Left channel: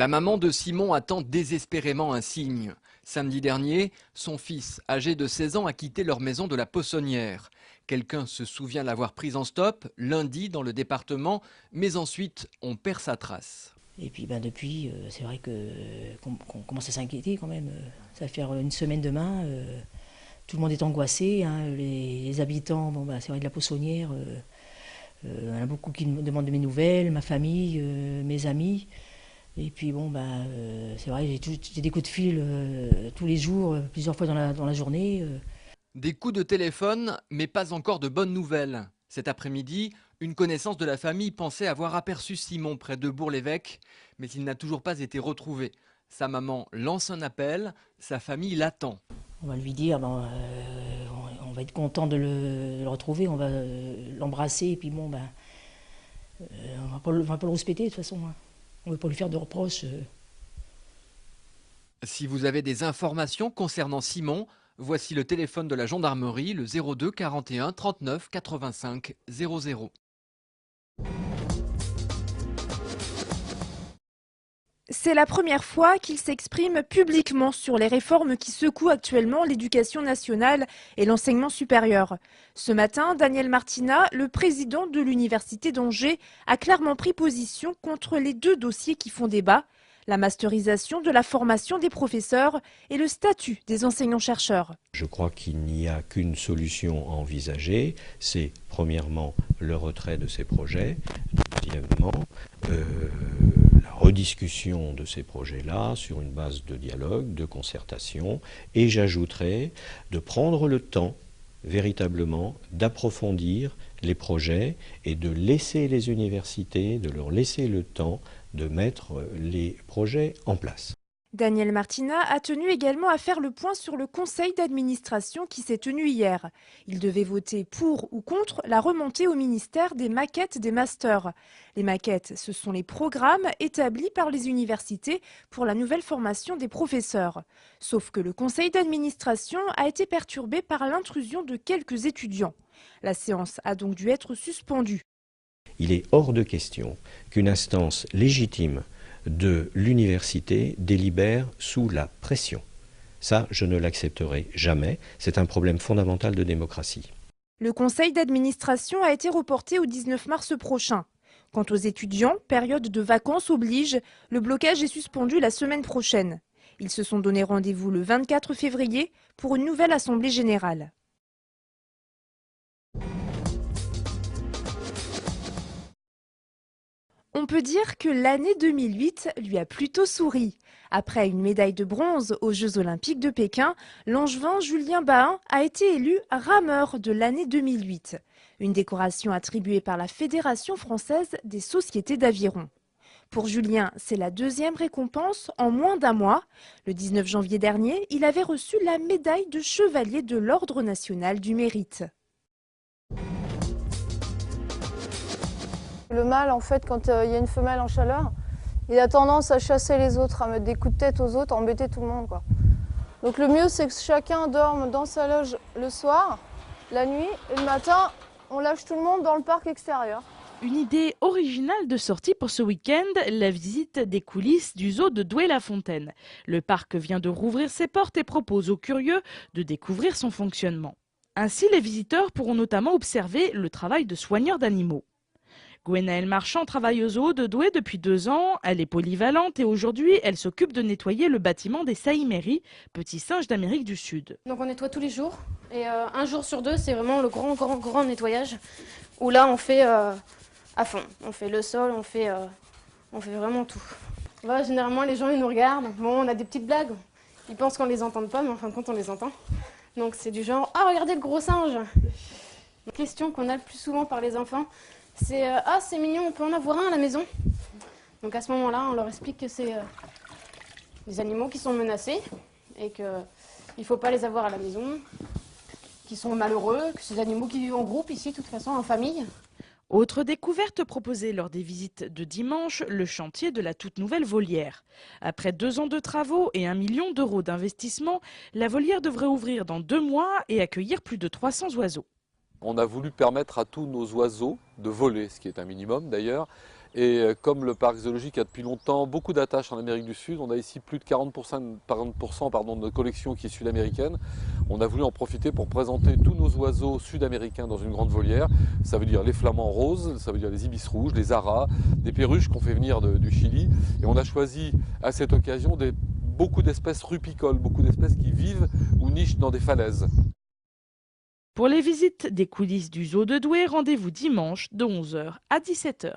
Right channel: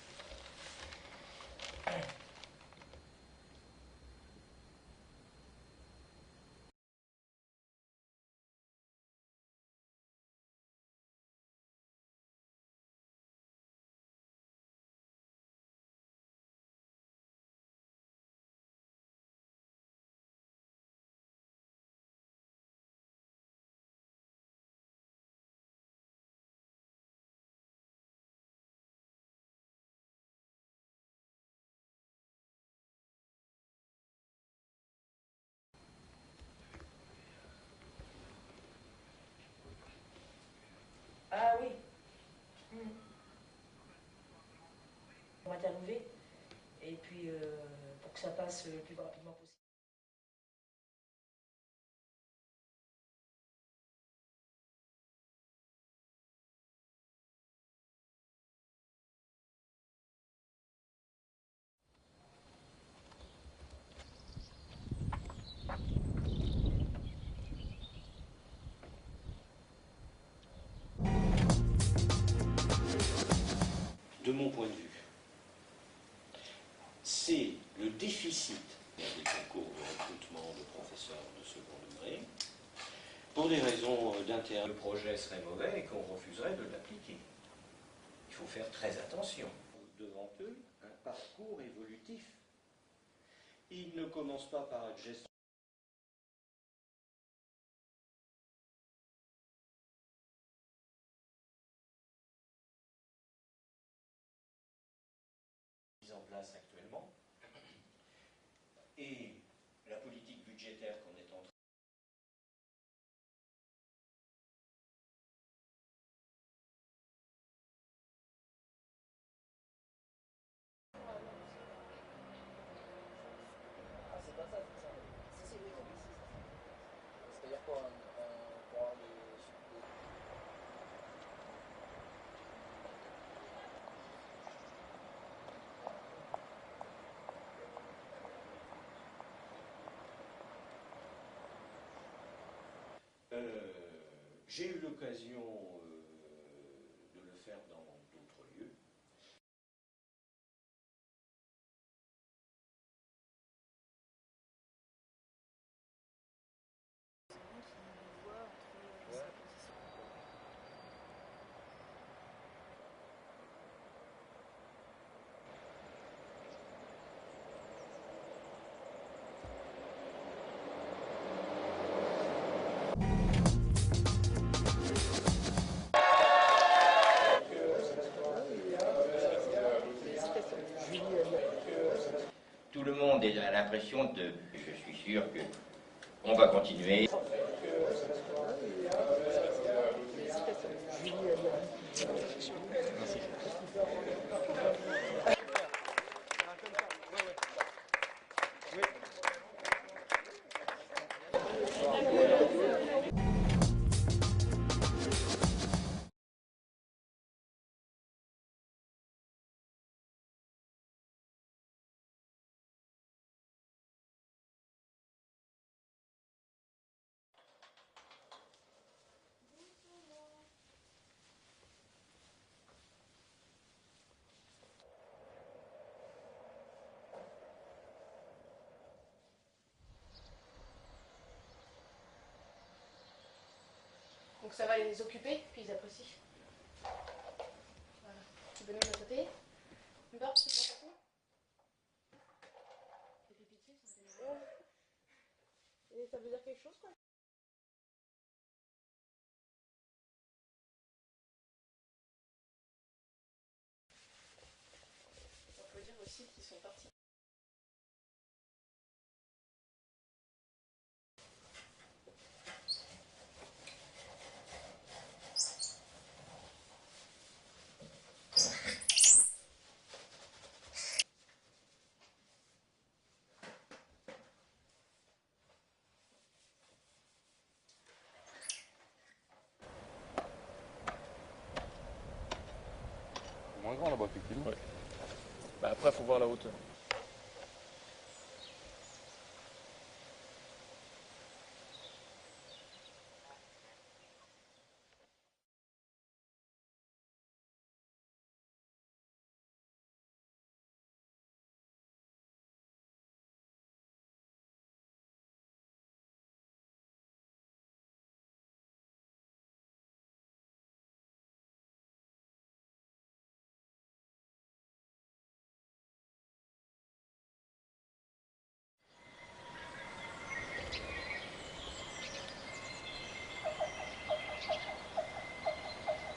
La maman de Simon attend désespérément un signe. Samedi dernier, son fils, âgé de 16 ans, a quitté leur maison de la Possonnière. Quelqu'un se souvient l'avoir prise en stop, lundi, dans le département, mais ensuite, on perd sa trace. Et puis depuis, c'est vrai qu'on commence à s'inquiéter quand même. Ça va faire une semaine demain. Tout le monde est angoissé. Hein. Les habitants, c'est vrai de la Possonnière, il y en a beaucoup qui me demandent de mes nouvelles, ma famille, mes amis. Et puis c'est vrai, j'ai des coups de fil tous les jours, plusieurs fois dans la journée. Des coups de téléphone, mais pas encore de bonnes nouvelles. Cet après-midi, une connaissance de la famille pensait avoir aperçu Simon près de Bourg-l'Évêque, mais il n'a toujours pas été retrouvé. Sa maman lance un appel, sa famille l'attend. On va lui dire, on va être content de le retrouver, on va l'embrasser, et puis on va pas le respecter de toute façon. Hein. On ne veut pas lui faire de reproches. Si vous avez des informations concernant Simon, voici le téléphone de la gendarmerie, le 02 41 39 85 00. C'est la première fois qu'il s'exprime publiquement sur les réformes qui secouent actuellement l'éducation nationale et l'enseignement supérieur. Ce matin, Daniel Martina, le président de l'Université d'Angers, a clairement pris position contre les deux dossiers qui font débat, la masterisation de la formation des professeurs et le statut des enseignants-chercheurs. Je crois qu'il n'y a qu'une solution à envisager, c'est premièrement le retrait de ces projets, deuxièmement la rediscussion de ces projets-là sur une base de dialogue, de concertation, et j'ajouterai de prendre le temps véritablement d'approfondir les projets et de laisser les universités, de leur laisser le temps de mettre les projets en place. Daniel Martina a tenu également à faire le point sur le conseil d'administration qui s'est tenu hier. Il devait voter pour ou contre la remontée au ministère des maquettes des masters. Les maquettes, ce sont les programmes établis par les universités pour la nouvelle formation des professeurs. Sauf que le conseil d'administration a été perturbé par l'intrusion de quelques étudiants. La séance a donc dû être suspendue. Il est hors de question qu'une instance légitime de l'université délibère sous la pression. Ça, je ne l'accepterai jamais. C'est un problème fondamental de démocratie. Le conseil d'administration a été reporté au 19 mars prochain. Quant aux étudiants, période de vacances oblige, le blocage est suspendu la semaine prochaine. Ils se sont donné rendez-vous le 24 février pour une nouvelle assemblée générale. On peut dire que l'année 2008 lui a plutôt souri. Après une médaille de bronze aux Jeux Olympiques de Pékin, l'Angevin Julien Bahin a été élu rameur de l'année 2008. Une décoration attribuée par la Fédération française des sociétés d'aviron. Pour Julien, c'est la deuxième récompense en moins d'un mois. Le 19 janvier dernier, il avait reçu la médaille de chevalier de l'Ordre national du mérite. Le mâle, en fait, quand il y a une femelle en chaleur, il a tendance à chasser les autres, à mettre des coups de tête aux autres, à embêter tout le monde, quoi. Donc le mieux, c'est que chacun dorme dans sa loge le soir, la nuit, et le matin, on lâche tout le monde dans le parc extérieur. Une idée originale de sortie pour ce week-end, la visite des coulisses du zoo de Douai-la-Fontaine. Le parc vient de rouvrir ses portes et propose aux curieux de découvrir son fonctionnement. Ainsi, les visiteurs pourront notamment observer le travail de soigneurs d'animaux. Gwenaëlle Marchand travaille au zoo de Douai depuis 2 ans. Elle est polyvalente et aujourd'hui, elle s'occupe de nettoyer le bâtiment des saïméris, petits singes d'Amérique du Sud. Donc on nettoie tous les jours et un jour sur 2, c'est vraiment le grand nettoyage où là on fait à fond. On fait le sol, on fait vraiment tout. Voilà, généralement les gens ils nous regardent. Bon, on a des petites blagues. Ils pensent qu'on les entend pas, mais en fin de compte on les entend. Donc c'est du genre, ah regardez le gros singe. La question qu'on a le plus souvent par les enfants, c'est ah c'est mignon, on peut en avoir un à la maison. Donc à ce moment-là, on leur explique que c'est des animaux qui sont menacés et qu'il ne faut pas les avoir à la maison, qui sont malheureux, que c'est des animaux qui vivent en groupe ici, de toute façon, en famille. Autre découverte proposée lors des visites de dimanche, le chantier de la toute nouvelle volière. Après 2 ans de travaux et 1 million d'euros d'investissement, la volière devrait ouvrir dans 2 mois et accueillir plus de 300 oiseaux. On a voulu permettre à tous nos oiseaux de voler, ce qui est un minimum d'ailleurs, Et comme le parc zoologique a depuis longtemps beaucoup d'attaches en Amérique du Sud, on a ici plus de 40% de notre collection qui est sud-américaine. On a voulu en profiter pour présenter tous nos oiseaux sud-américains dans une grande volière. Ça veut dire les flamants roses, ça veut dire les ibis rouges, les aras, des perruches qu'on fait venir du Chili. Et on a choisi à cette occasion beaucoup d'espèces rupicoles, beaucoup d'espèces qui vivent ou nichent dans des falaises. Pour les visites des coulisses du zoo de Douai, rendez-vous dimanche de 11h à 17h.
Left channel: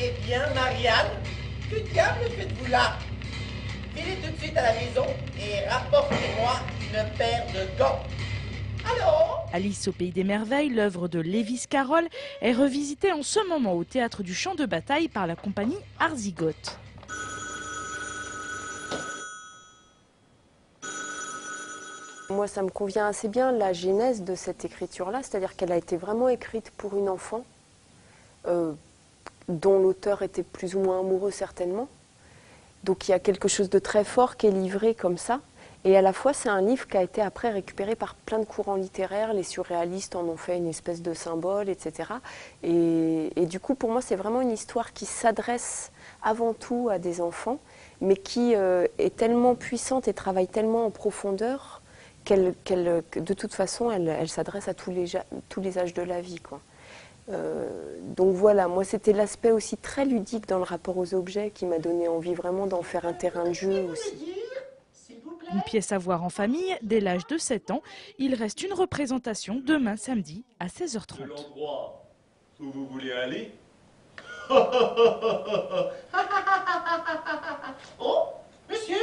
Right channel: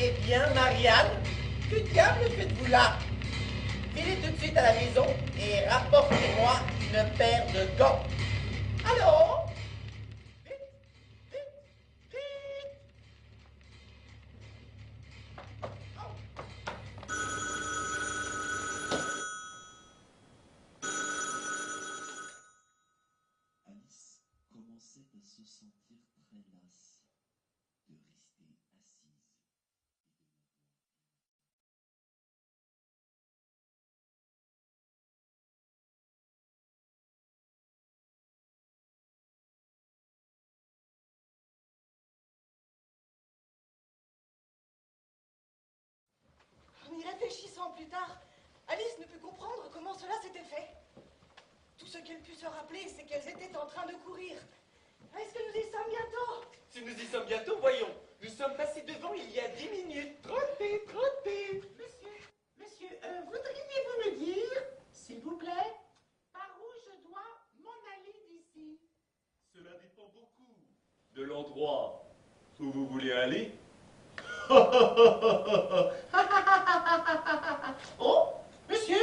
Eh bien, Marianne, que diable faites-vous là? Filez tout de suite à la maison et rapportez-moi une paire de gants. Alors? Alice au pays des merveilles, l'œuvre de Lewis Carroll, est revisitée en ce moment au théâtre du Champ de Bataille par la compagnie Arzigote. Moi, ça me convient assez bien la genèse de cette écriture-là, c'est-à-dire qu'elle a été vraiment écrite pour une enfant, dont l'auteur était plus ou moins amoureux certainement. Donc il y a quelque chose de très fort qui est livré comme ça. Et à la fois, c'est un livre qui a été après récupéré par plein de courants littéraires. Les surréalistes en ont fait une espèce de symbole, etc. Et du coup, pour moi, c'est vraiment une histoire qui s'adresse avant tout à des enfants, mais qui est tellement puissante et travaille tellement en profondeur que de toute façon, elle s'adresse à tous les âges de la vie, quoi. Donc voilà, moi c'était l'aspect aussi très ludique dans le rapport aux objets qui m'a donné envie vraiment d'en faire un terrain de jeu aussi. Une pièce à voir en famille dès l'âge de 7 ans. Il reste une représentation demain samedi à 16h30. De l'endroit où vous voulez aller. Oh, monsieur,